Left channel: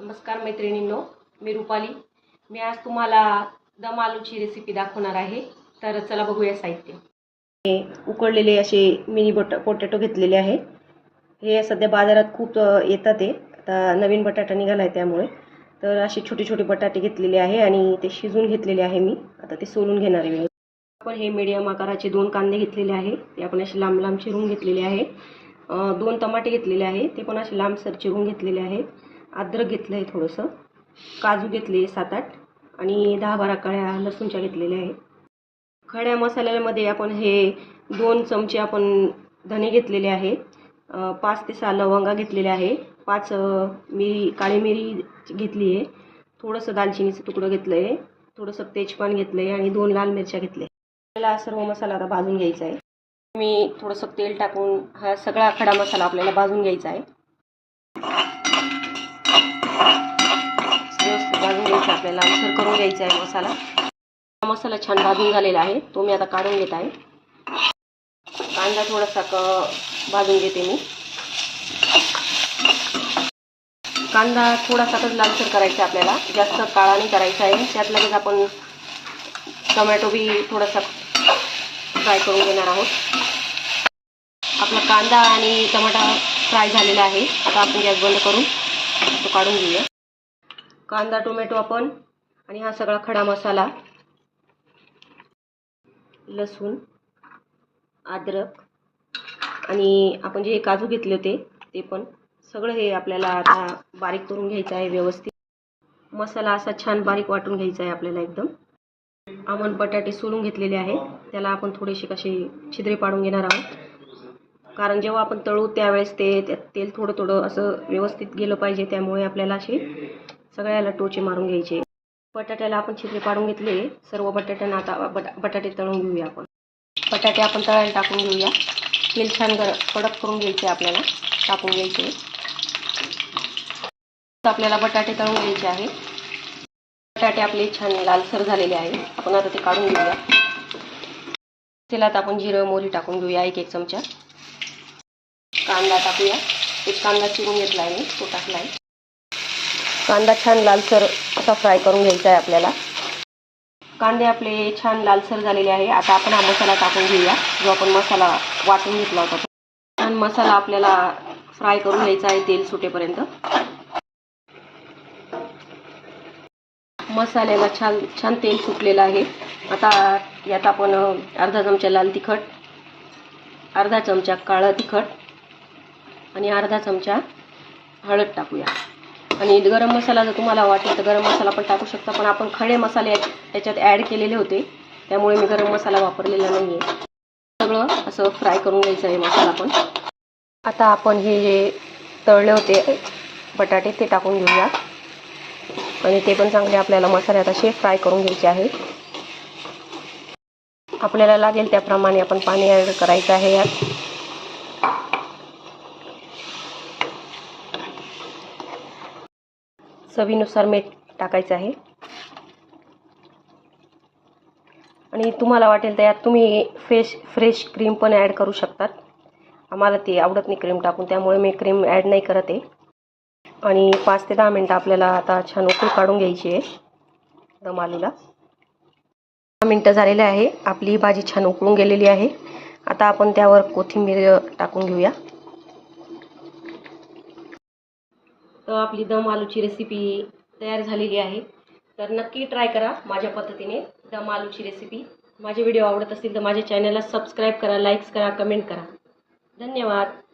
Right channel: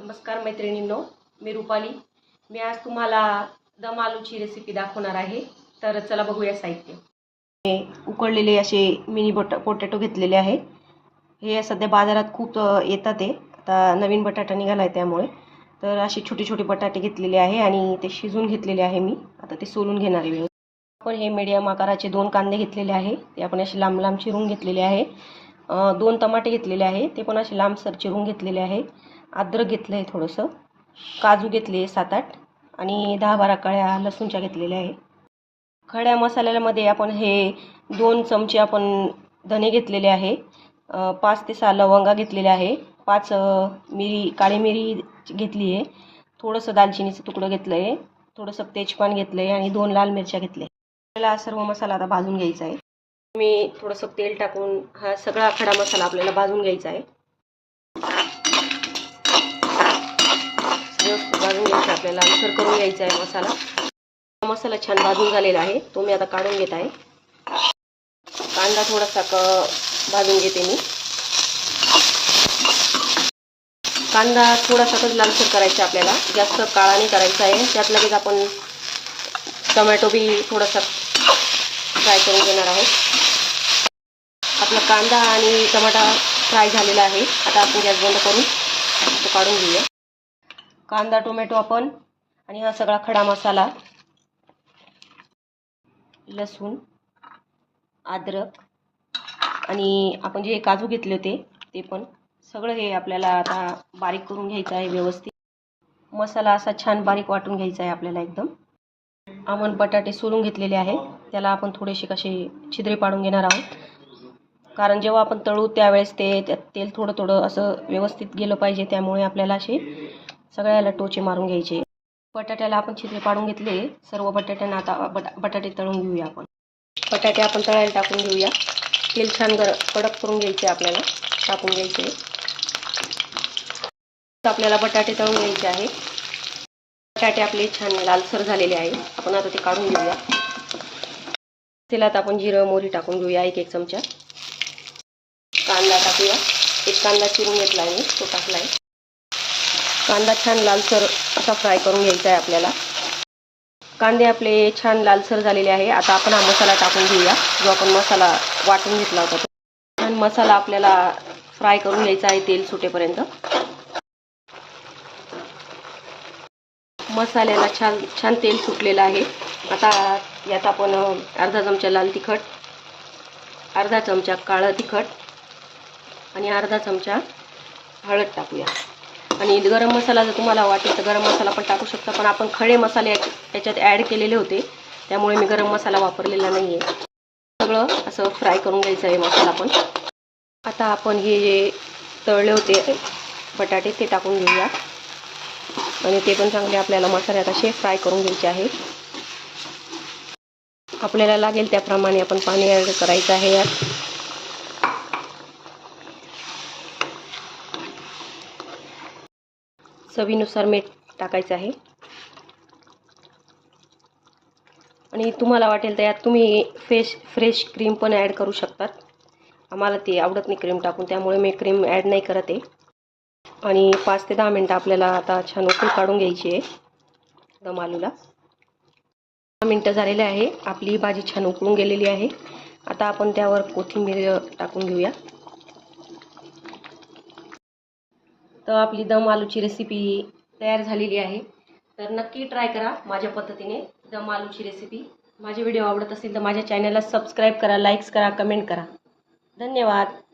नमस्कार मैत्रिणींनो मी रुपाली. मी आज तुम्हाला दम आलूची रेसिपी दाखवणार आहे. तर चला बघूया साहित्य. हे उकडलेले असे मिनी बट पोटॅटो घेतलेले आहे. हे सध्या बाजारात खूप येतात ते. आता नवीन बटाटा निघाला आहे त्यामुळे. तर असे छोटे छोटे बटाटे घेतलेले आहे आणि ते शिजून घेतलेले आहे मी. आता ते सोलून घेणार आहे आपण हे मीडियम आकाराचे दोन कांदे घेतलेले आहे. ते आपण असे लांब लांब चिरून घेतलेले आहे. दोन टमाटे घेतलेले आहे. ते पण असे लांबसर चिरून घेतलेले आहे. अद्रक घेतलं आहे थोडंसं. काजू घेतले सात आठ आणि दहा बारा कळ्या लसूणच्या घेतलेल्या आहे. खड्या मसाल्यामध्ये आपण हे दोन चमचे आपण धने घेतलेले आहे. पाच ते सहा लवंगा घेतलेल्या आहे. पाच मिरी काळी मिरी घेतली आहे थोडंसं दालचिनीचं तुकडं घेतलं आहे थोडंसं तेजपान घेतलं आहे आणि दोन लाल मिरच्या घेतल्या आपल्याला सर्व मसाला आता भाजून घ्यायचा आहे. मी थोडंसं तेल टाकून हा सगळा खडा मसाला आपल्याला भाजून घ्यायचा आहे. व्यवस्थित आपल्याला लालसर करून घ्यायचा आहे मसाला. मसाला छान भाजून झालेला आहे. तो मी आता काढून घेत आहे. कांदा थोडासा क भाजून घेते मी. कांदा थोडासा तर लालसर करायचा आपल्याला. जास्त काळा नाही करायचा आहे. त्यात लगेच आपण टमॅटो बी थोडासा फ्राय करून घेणार आहोत. आपला कांदा आणि टमाटा फ्राय झालेला आहे. आता आपण गॅस बंद करून तो काढून घेऊया. कांदा टोमॅटो आपण आणि हा सगळा खडा मसाला लसूण अद्रक आणि आपण जे काजू घेतले होते ते पण सगळं हे आपल्याला आता बारीक करून घ्यायचं आहे व्यवस्थित. मसाला असा छान बारीक वाटून घ्यायचा आहे आपल्याला एकदम. आपण बटाटे सोलून घेतलेले आहे त्याला आपण थोडेसे कसे छिद्रे पाडून घेणार आहोत. कारण जेव्हा आपण तळू त्यावेळेस ते त्यात तेल थोडं थोडं असं व्यवस्थित गेलं पाहिजे त्यामुळे आपल्याला असे सगळ्याला टोचे मारून घ्यायचे. बटाट्याला आपण छिद्रे पाडून घेतले. सर्व बटाट्यांना आता बटा बटाटे तळून घेऊया आपण. बटाटे आपण तळायला टाकून घेऊया. तेल छान गर कडक करून घ्यायचे आपल्याला. टाकून घ्यायचे. आपल्याला बटाटे तळून घ्यायचे आहे. बटाटे आपले छान लालसर झालेले आहे. आपण आता ते काढून घेऊया. तेलात आपण जिरं मोहरी टाकून घेऊया एक एक चमचा. कांदा टाकूया. एक कांदा चिरून घेतला आहे तो टाकला आहे. कांदा छान लालसर असा फ्राय करून घ्यायचा आहे आपल्याला. कांदे आपले छान लालसर झालेले आहे. आता आपण हा मसाला टाकून घेऊया. जो आपण मसाला वाटून घेतला होता पण छान मसाला आपल्याला फ्राय करून घ्यायचा आहे. तेल सुटेपर्यंत. मसाल्याला छान छान तेल सुटलेलं आहे. आता यात आपण अर्धा चमचा लाल तिखट अर्धा चमचा काळं तिखट आणि अर्धा चमचा हळद टाकूया. आणि गरम मसाला जर तुम्हाला वाटेल तर गरम मसाला पण टाकू शकता पण आपण खडे मसाले याच्यात ॲड केलेले होते. त्यामुळे मी गरम मसाला वापरलेला नाही आहे सगळं असं फ्राय करून घ्यायचं आहे मसाला पण. आता आपण हे जे तळले होते बटाटे ते टाकून घेऊया. आणि ते पण चांगले आपल्याला मसाल्यात असे फ्राय करून घ्यायचे आहे आपल्याला लागेल त्याप्रमाणे आपण पाणी ॲड करायचं आहे यात. चवीनुसार मीठ टाकायचं आहे. आणि तुम्हाला वाटेल तर यात तुम्ही फ्रेश फ्रेश क्रीम पण ॲड करू शकतात. आम्हाला ते आवडत नाही क्रीम टाकून त्यामुळे मी क्रीम ॲड नाही करत आहे. आणि पाच ते दहा मिनटं आपल्याला आता छान उकळी काढून घ्यायची आहे दम आलूला. दहा मिनटं झालेले आहे आपली भाजी छान उकळून गेलेली आहे. आता आपण त्यावर कोथिंबीर टाकून घेऊया. तर आपली दम आलूची रेसिपी तयार झालेली आहे. तर नक्की ट्राय करा माझ्या पद्धतीने दम आलूची रेसिपी माझे व्हिडिओ आवडत असतील तर माझ्या चॅनलला सबस्क्राईब करा लाईक्स करा कमेंट करा. धन्यवाद.